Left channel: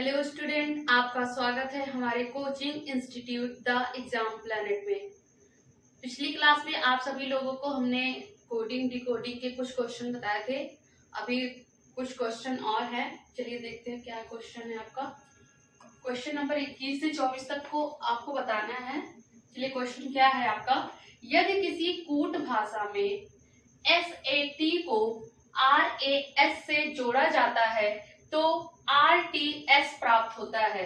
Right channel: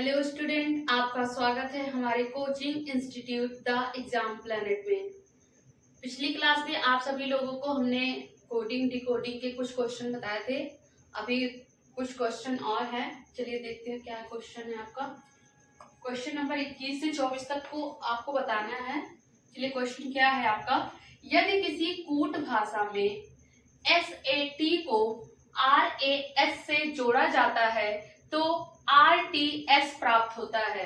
Hello student, आपका स्वागत है हमारे coaching institute the exam planet में। पिछली क्लास में आप सभी लोगों को हमने कोडिंग डिकोडिंग के कुछ क्वेश्चन बताए थे। अभी कुछ क्वेश्चन और हैं, चलिए देखते हैं क्या क्वेश्चन है आपका। क्वेश्चन नंबर 21 से 24 तक को आपको बताना है। चलिए क्वेश्चन क्या है आपका। यदि किसी कूट भाषा में SAT को RAS से जोड़ा जाता है तो RTS प्राप्त होता है।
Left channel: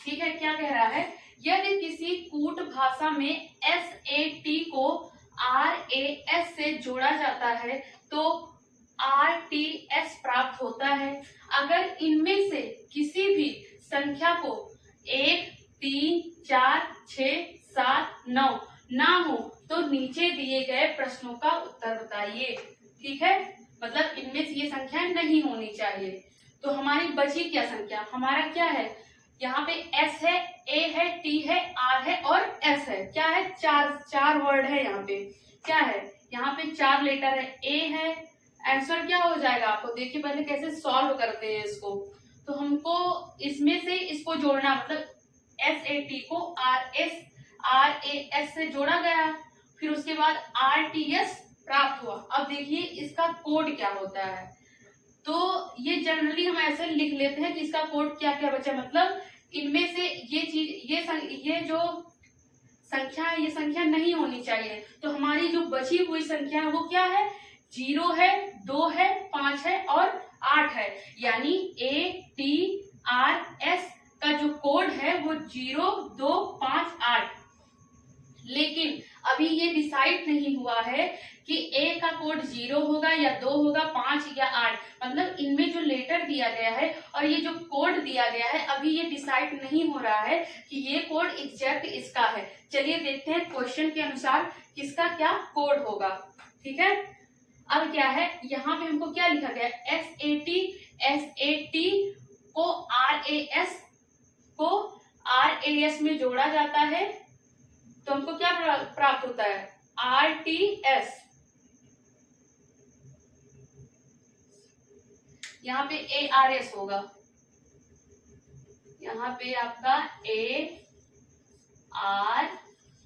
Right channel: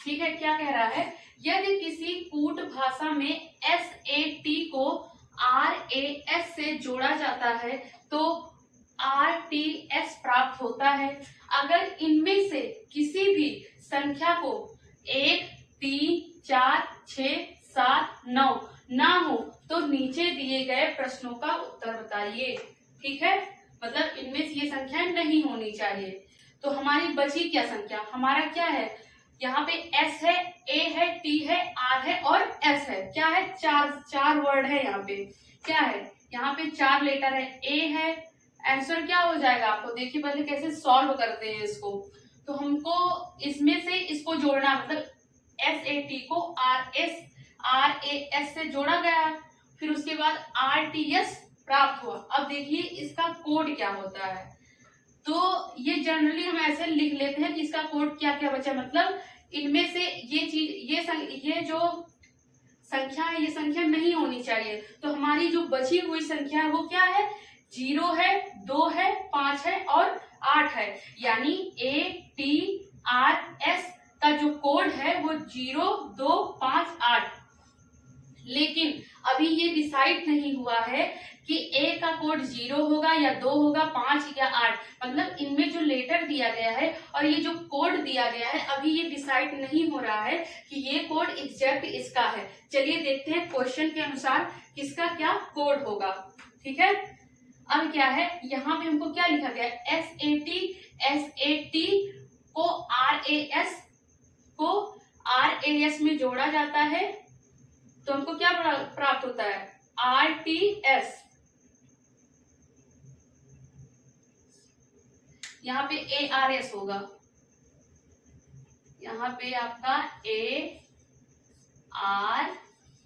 ठीक है, क्या कह रहा है, यदि किसी कूट भाषा में SAT को RAS से जोड़ा जाता है तो RTS प्राप्त होता है। अगर इनमें से किसी भी संख्या को 1, 3, 4, 6, 7, 9 ना हो तो नीचे दिए गए प्रश्नों का उत्तर बताइए। ठीक है, मतलब इनमें से ये संख्या नहीं होनी चाहिए। तो हमारी बची क्या संख्या, हमारा क्या है, यहाँ पे S है, A है, T है, R है और S है। क्या है, चार वर्ड है यहाँ पे। क्या है, यहाँ पे 4 लेटर है, A है। आंसर क्या हो जाएगा, आपको देखिए पहले कैसे सॉल्व करते हैं इसको। तो हमको इसमें से इसको जोड़ना, मतलब SAT को RAS से जोड़ा गया, फिर उसके बाद RTS प्राप्त हुआ। अब देखिए इसका कोड क्या होता है। तो ये जनरली हम ऐसे लिख लेते हैं कि इसका कोड क्या क्या बचा, मतलब इनमें से ये चीज, ये जो संख्या है, ये संख्या नहीं होनी चाहिए। तो हमारी जो बची हुई संख्या है वो क्या है, 0 है, 2 है, 5 है और 8 है। यानी ATRS का जो कोड है वो 0, 2, 5, 8। लेकिन अभी ये डिसाइड नहीं हुआ है कि A का कोड 0 होगा या 2 होगा, 5 या 8। मतलब इनमें जो लेटर दिया गया है और ये जो कोड दिया गया है, अभी ये डिसाइड नहीं हो रहा है कि ये कोड एग्जैक्ट इसका है। चलिए देखते हैं क्वेश्चन के अनुसार किसका क्या कोड होगा। ठीक है, अब क्या है, यहाँ पे हमको क्या लिखा गया, SAT को RAS में जोड़ा जाता है तो हमको क्या प्राप्त होता है, RTS। यहाँ पे ARS होगा, यहाँ पे आपका A, R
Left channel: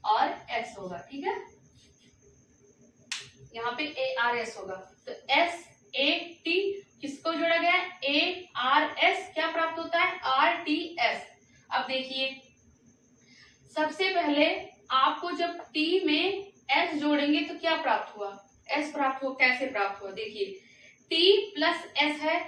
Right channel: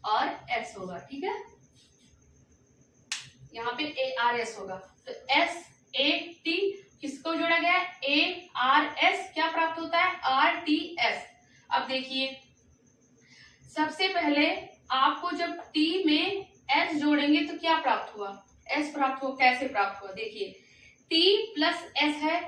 और S होगा। ठीक है, यहाँ पे ARS होगा। तो SAT किसको जोड़ा गया है, ARS, क्या प्राप्त होता है, RTS। अब देखिए सबसे पहले आपको जब T में S जोड़ेंगे तो क्या प्राप्त हुआ, S प्राप्त हो, कैसे प्राप्त हुआ, देखिए T प्लस S है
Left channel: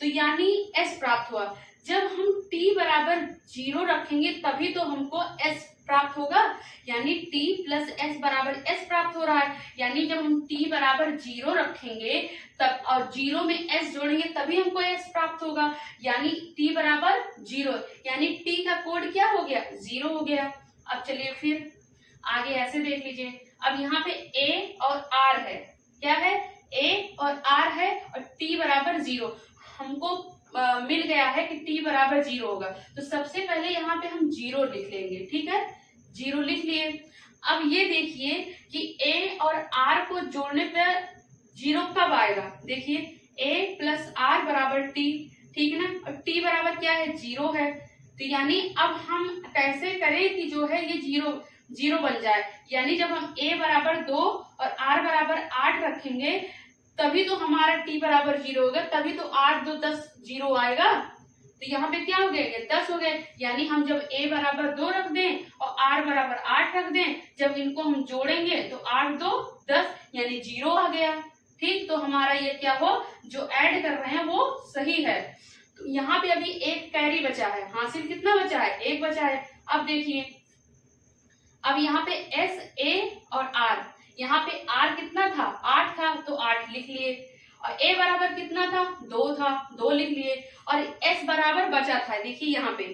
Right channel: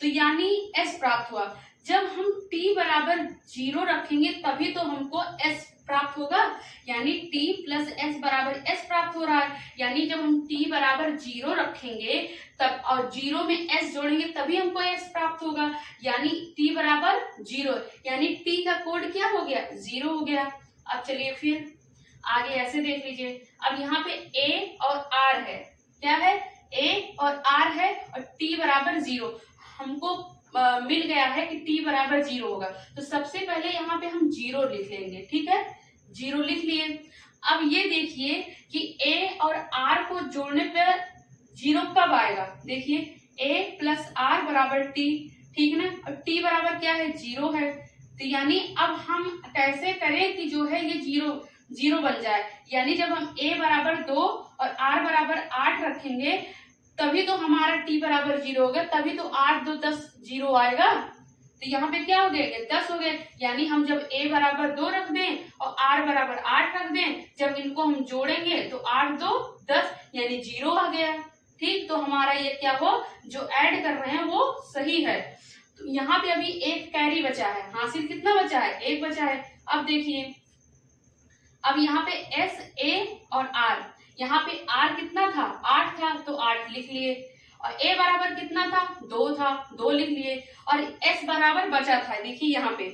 तो यानी S प्राप्त हुआ। जब हम T बराबर 0 रखेंगे तभी तो हमको S प्राप्त होगा, यानी T प्लस S बराबर S प्राप्त हो रहा है। यानी जब हम T बराबर 0 रखेंगे तब और 0 में S जोड़ेंगे तभी हमको S प्राप्त होगा, यानी T बराबर 0, यानी T का कोड क्या हो गया, 0 हो गया। अब चलिए फिर आगे ऐसे देख लीजिए। अब यहाँ पे A और R है, क्या है, A और R है और T बराबर 0 हमको मिल गया है कि T बराबर 0 होगा। तो सबसे पहले यहाँ पे हम 0 लिख लेंगे। ठीक है, 0 लिख लिए। अब ये देखिए कि A और R को जोड़ने पर 0 कब आएगा, देखिए A प्लस R बराबर T। ठीक है ना, और T बराबर क्या है, 0 है। तो यानी अब हम कैसे करें कि जो है ये 0 बन जाए, यानी जब हम A बराबर 2 और R बराबर 8 रखेंगे तभी तो हमारा T बराबर 0 होगा, तभी तो 8, 2, 10 0 आएगा। तो यहाँ पे क्या हो गए, 10 हो गए। यानी हम जब A बराबर 2 रख दें और R बराबर 8 रख दें, जब इनको हम जोड़ेंगे तो 8, 2, 10 यानी 0 आ गया। ठीक, तो हमारा ये क्या हो, जो ऐड कर रहे हैं वो सही है। तो यहाँ पे अभी एक कैरी बचा है, हासिल कितना बचा है, 1 बचा है। अब देखिए, अब यहाँ पे S, A और R, यहाँ पे R कितना था, 8 था तो 8 लिख लिए, और A बराबर कितना था, 2 था, 2 लिख लिए, और S बराबर बचा था, देखिए यहाँ पे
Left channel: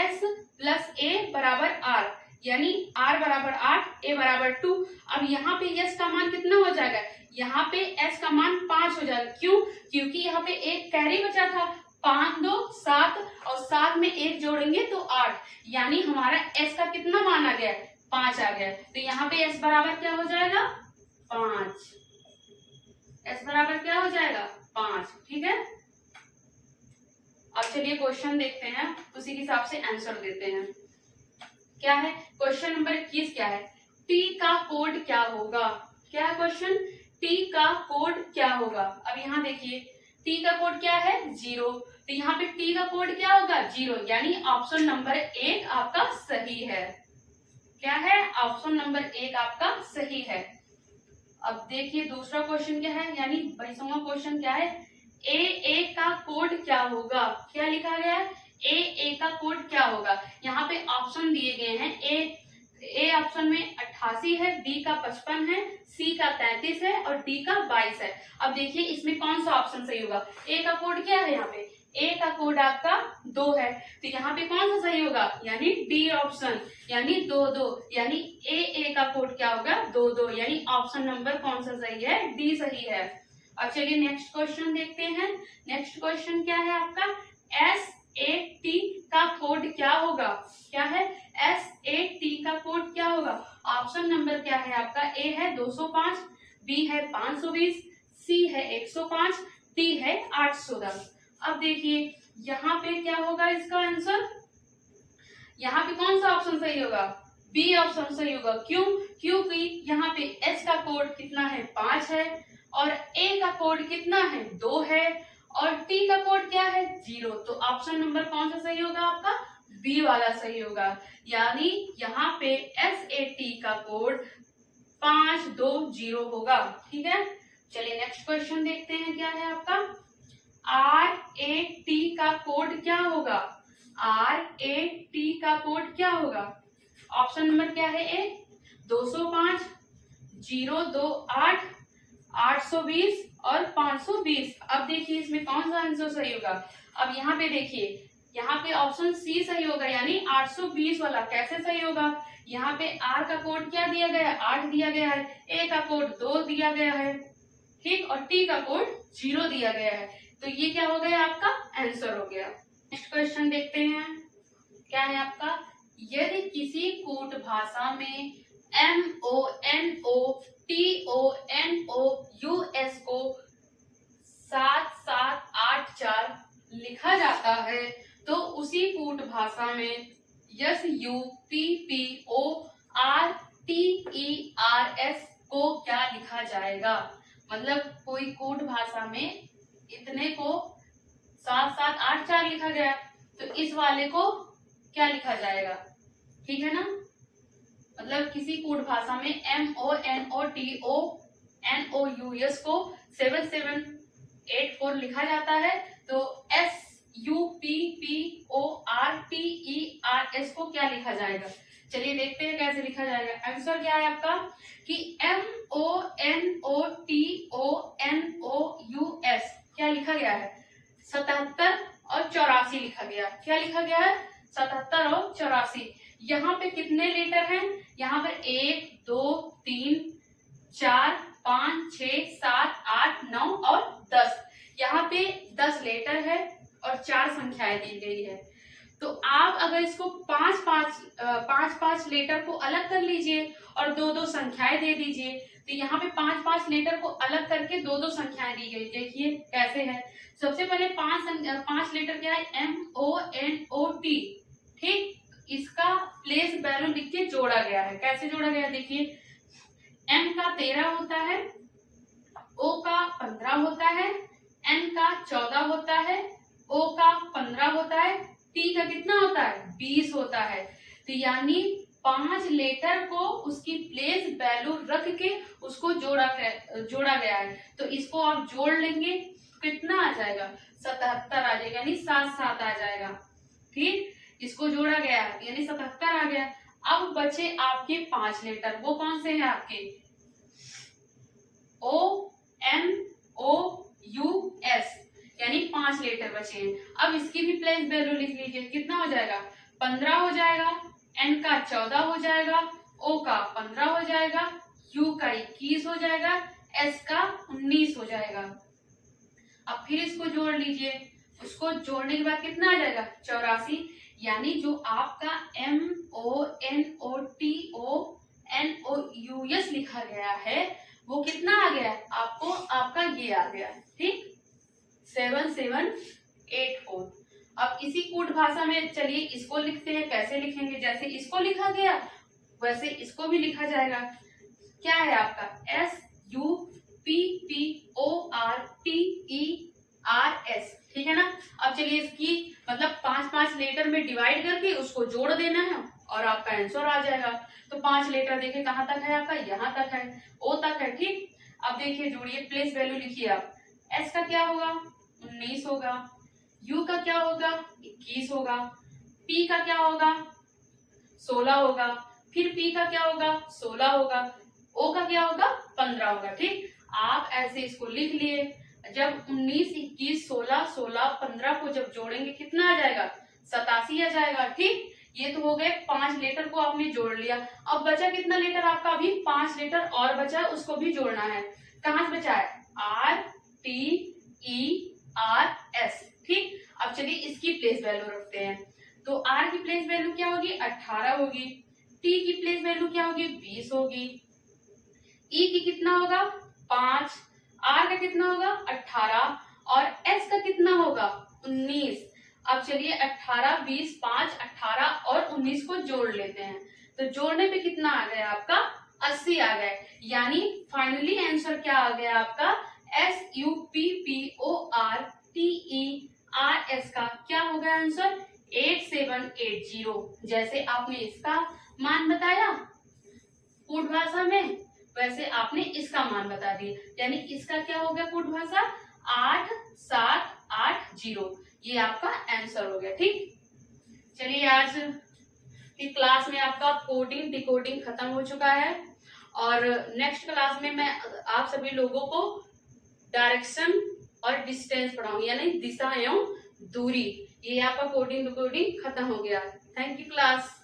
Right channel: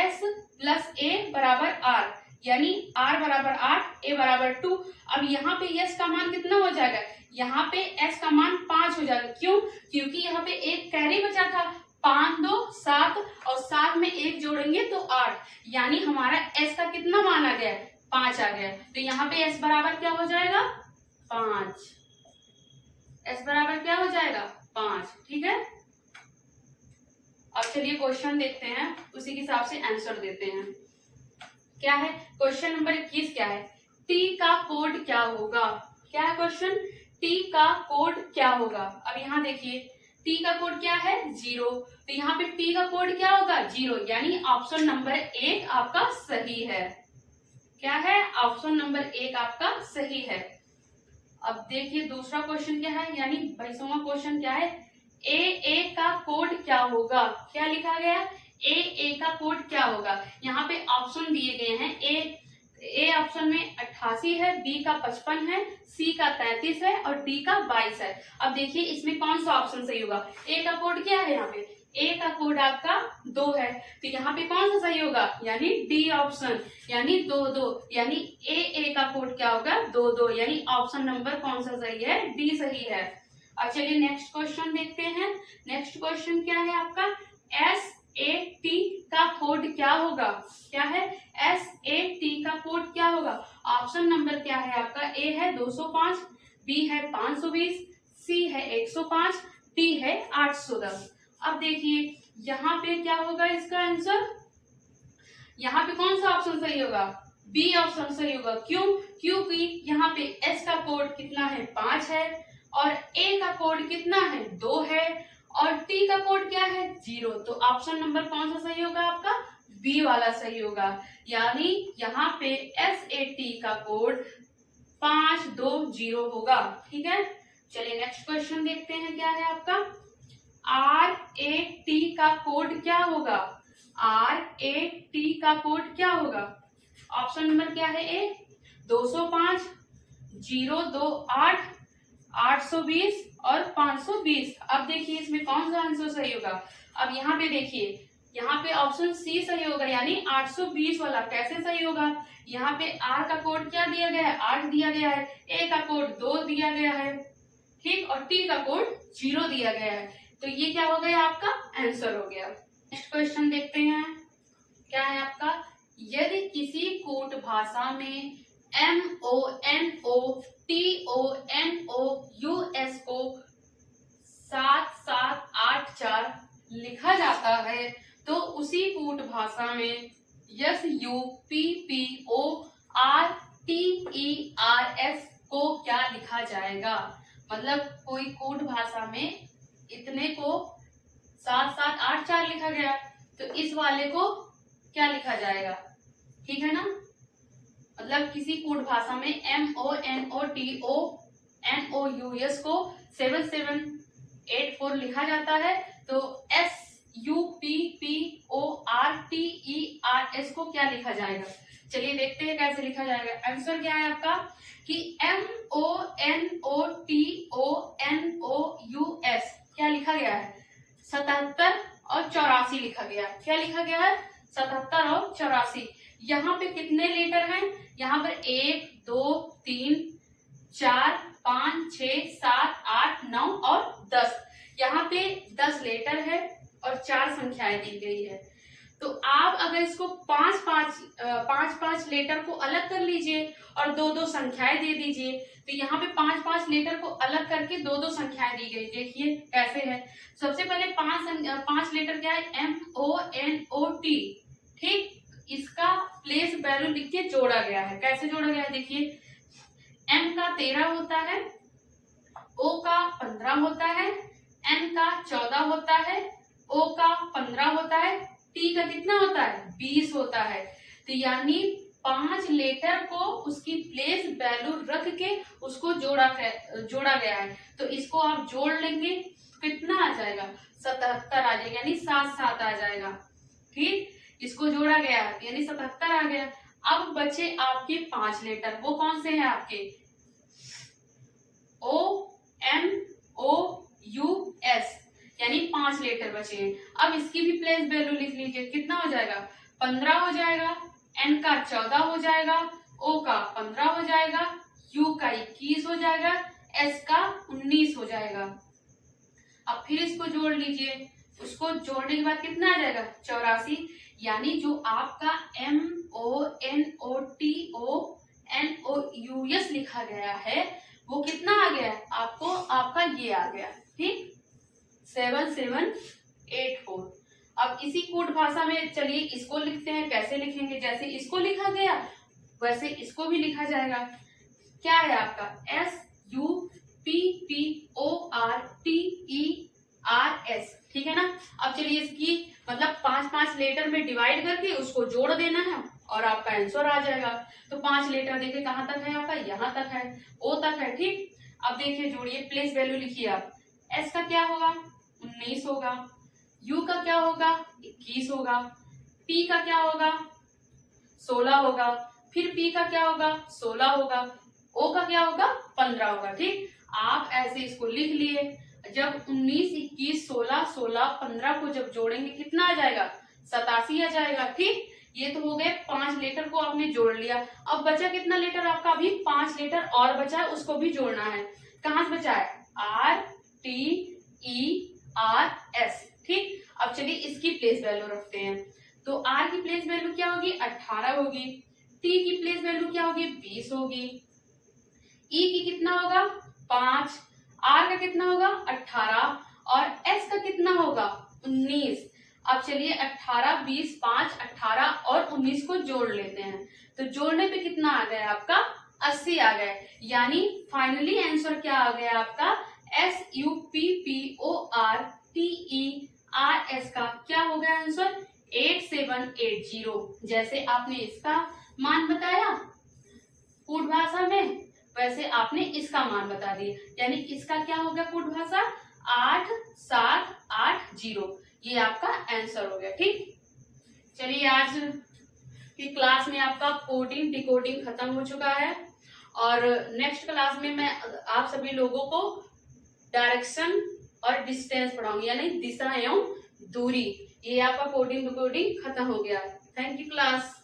S प्लस A बराबर R, यानी R बराबर 8, A बराबर 2। अब यहाँ पे S का मान कितना हो जाएगा, यहाँ पे S का मान 5 हो जाएगा। क्यों, क्योंकि यहाँ पे एक कैरी बचा था, 5, 2, 7 और 7 में 1 जोड़ेंगे तो 8, यानी हमारा S का कितना मान आ गया, 5 आ गया। तो यहाँ पे S बराबर क्या हो जाएगा, 5। S बराबर क्या हो जाएगा, 5। ठीक है, अब चलिए क्वेश्चन देखते हैं, उसी के हिसाब से आंसर देते हैं। क्या है क्वेश्चन नंबर 21? क्या है? टी का कोड क्या होगा? क्या है क्वेश्चन? टी का कोड क्या होगा? अब यहाँ देखिए टी का कोड क्या है? 0। तो यहाँ पे टी का कोड क्या होगा? 0, यानी ऑप्शन नंबर 1 आपका सही है। क्या है? ऑप्शन नंबर 1 आपका सही है। अब देखिए दूसरा क्वेश्चन क्या है, यानी 22वां क्वेश्चन क्या है? ए का कोड क्या होगा? क्या लिखा गया है? ए का कोड क्या होगा? यहाँ पे ऑप्शन दिए गए हैं। ए ऑप्शन में 88 है, बी का 55 है, सी का 33 है और डी का 22 है। अब देखिए इसमें कौन सा ऑप्शन सही होगा? ए का कोड क्या है? यहाँ पे ए का कोड आपका 2 है, तो यहाँ पे कौन सा सही होगा? यानी डी ऑप्शन, यानी 2 2, यानी ए का कोड क्या होगा? 2 2, यानी ऑप्शन नंबर कौन सा सही है? डी सही है। अब चलिए नेक्स्ट क्वेश्चन देखते हैं। नेक्स्ट क्वेश्चन क्या है आपका? SAT का कोड क्या होगा? क्या है? SAT का कोड क्या होगा? ऑप्शन नंबर क्या है आपका? ए है 205, बी है 520, सी है 105, डी है 810। अब देखिए यहाँ पे क्या होगा इसका आंसर? यहाँ पे कौन सा ऑप्शन सही होगा? बी ऑप्शन सही होगा। क्यों? क्योंकि यहाँ पे एस का कोड कितना है? 5 है और ए का कोड कितना है? 2 है और टी का कोड क्या है? 0। तो ऑप्शन नंबर कौन सा सही होगा आपका? बी वाला सही होगा, यानी यहाँ पे SAT का कोड 520 होगा। ठीक है, चलिए नेक्स्ट क्वेश्चन देखते हैं। क्या है आपका? RAT का कोड क्या होगा? RAT का कोड क्या होगा? ऑप्शन नंबर क्या है? ए 205, 028, 820 और 520। अब देखिए इसमें कौन सा आंसर सही होगा? अब यहाँ पे देखिए, यहाँ पे ऑप्शन सी सही होगा, यानी 820 वाला। कैसे सही होगा? यहाँ पे आर का कोड क्या दिया गया है? 8 दिया गया है, ए का कोड 2 दिया गया है, ठीक, और टी का कोड 0 दिया गया है। तो ये क्या हो गया? आपका आंसर हो गया। नेक्स्ट क्वेश्चन देखते हैं। क्या है आपका? यदि किसी कूट भाषा में MONOTONOUS को 7784 लिखा जाता है, तो उसी कूट भाषा में SUPPORTERS को क्या लिखा जाएगा? मतलब कोई कूट भाषा में इतने को 7784 लिखा गया, तो इस वाले को क्या लिखा जाएगा? ठीक है ना, मतलब किसी कूट भाषा में MONOTONOUS को 7784 लिखा जाता है, तो SUPPORTERS को क्या लिखा जाएगा? चलिए देखते हैं कैसे लिखा जाएगा। आंसर क्या है आपका? कि MONOTONOUS क्या लिखा गया है? 77 और 84 लिखा गया। क्या लिखा गया है? 77 और 84। यहाँ पे कितने लेटर हैं? यहाँ पर 1 2 3 4 5 6 7 8 9 और 10। यहाँ पे 10 लेटर है और 4 संख्याएं दी गई है। तो आप अगर इसको 5 लेटर को अलग कर लीजिए और 2 संख्याएं दे दीजिए, तो यहाँ पे 5 लेटर को अलग करके 2 संख्याएं दी गई। देखिए कैसे है। सबसे पहले 5 लेटर क्या है? MONOT, ठीक, इसका प्लेस वैल्यू लिख के जोड़ा गया है। कैसे जोड़ा गया है? देखिए M का 13 होता है, O का 15 होता है, N का 14 होता है, O का 15 होता है, T का कितना होता है? 20 होता है। तो यानी 5 लेटर को उसकी प्लेस वैल्यू रख के उसको जोड़ा गया है। तो इसको आप जोड़ लेंगे कितना आ जाएगा? 77 आ जाएगा, यानी 7 7 आ जाएगा। ठीक, इसको जोड़ा गया है यानी 77 आ गया। अब बचे आपके 5 लेटर, वो कौन से हैं आपके? OMOUS, यानी 5 लेटर बचे हैं। अब इसकी भी प्लेस वैल्यू लिख लीजिए, कितना हो जाएगा? 15 हो जाएगा, N का 14 हो जाएगा, O का 15 हो जाएगा, U का 21 हो जाएगा, S का 19 हो जाएगा। अब फिर इसको जोड़ लीजिए, उसको जोड़ने के बाद कितना आ जाएगा? 84। यानी जो आपका MONOTONOUS लिखा गया है वो कितना आ गया? आपको आपका ये आ गया, ठीक, 7784। अब इसी कूट भाषा में चलिए इसको लिखते हैं। कैसे लिखेंगे? जैसे इसको लिखा गया वैसे इसको भी लिखा जाएगा। क्या है आपका? SUPPORTERS, ठीक है ना। अब चलिए इसकी मतलब 5-5 लेटर में डिवाइड करके उसको जोड़ देना है और आपका आंसर आ जाएगा। तो 5 लेटर देखिए कहाँ तक है आपका? यहाँ तक है, O तक है, ठीक। अब देखिए जोड़िए, प्लेस वैल्यू लिखिए आप। S का क्या होगा? 19 होगा। U का क्या होगा? 21 होगा। P का क्या होगा? 16 होगा। फिर P का क्या होगा? 16 होगा। O का क्या होगा? 15 होगा, ठीक। आप ऐसे इसको लिख लिए। जब 19, 21, 16, 16, 15 को जब जोड़ेंगे कितना आ जाएगा? 87 आ जाएगा, ठीक। ये तो हो गए 5 लेटर को आपने जोड़ लिया। अब बचा कितना लेटर आपका? अभी 5 लेटर और बचा है, उसको भी जोड़ना है। कहाँ से बचा है? RTERS, ठीक। अब चलिए इसकी प्लेस वैल्यू रखते हैं। तो R की प्लेस वैल्यू क्या होगी? 18 होगी। T की प्लेस वैल्यू क्या होगी? 20 होगी। E की कितना होगा? 5। R का कितना होगा? 18 और S का कितना होगा? 19। अब चलिए 18, 20, 5, 18 और 19 को जोड़ लेते हैं। तो जोड़ने पे कितना आ गया आपका? 80 आ गया। यानी फाइनली आंसर क्या आ गया आपका? SUPPORTERS का क्या हो गया आंसर? 8780। जैसे आपने इसका मान बताया कूट भाषा में, वैसे आपने इसका मान बता दिया। यानी इसका क्या हो गया कूट भाषा? 8780। ये आपका आंसर हो गया, ठीक। चलिए आज की क्लास में आपका कोडिंग डिकोडिंग खत्म हो चुका है और नेक्स्ट क्लास में मैं आप सभी लोगों को डायरेक्शन और डिस्टेंस पढ़ाऊंगी, यानी दिशा एवं दूरी। ये आपका कोडिंग डिकोडिंग खत्म हो गया। Thank you class.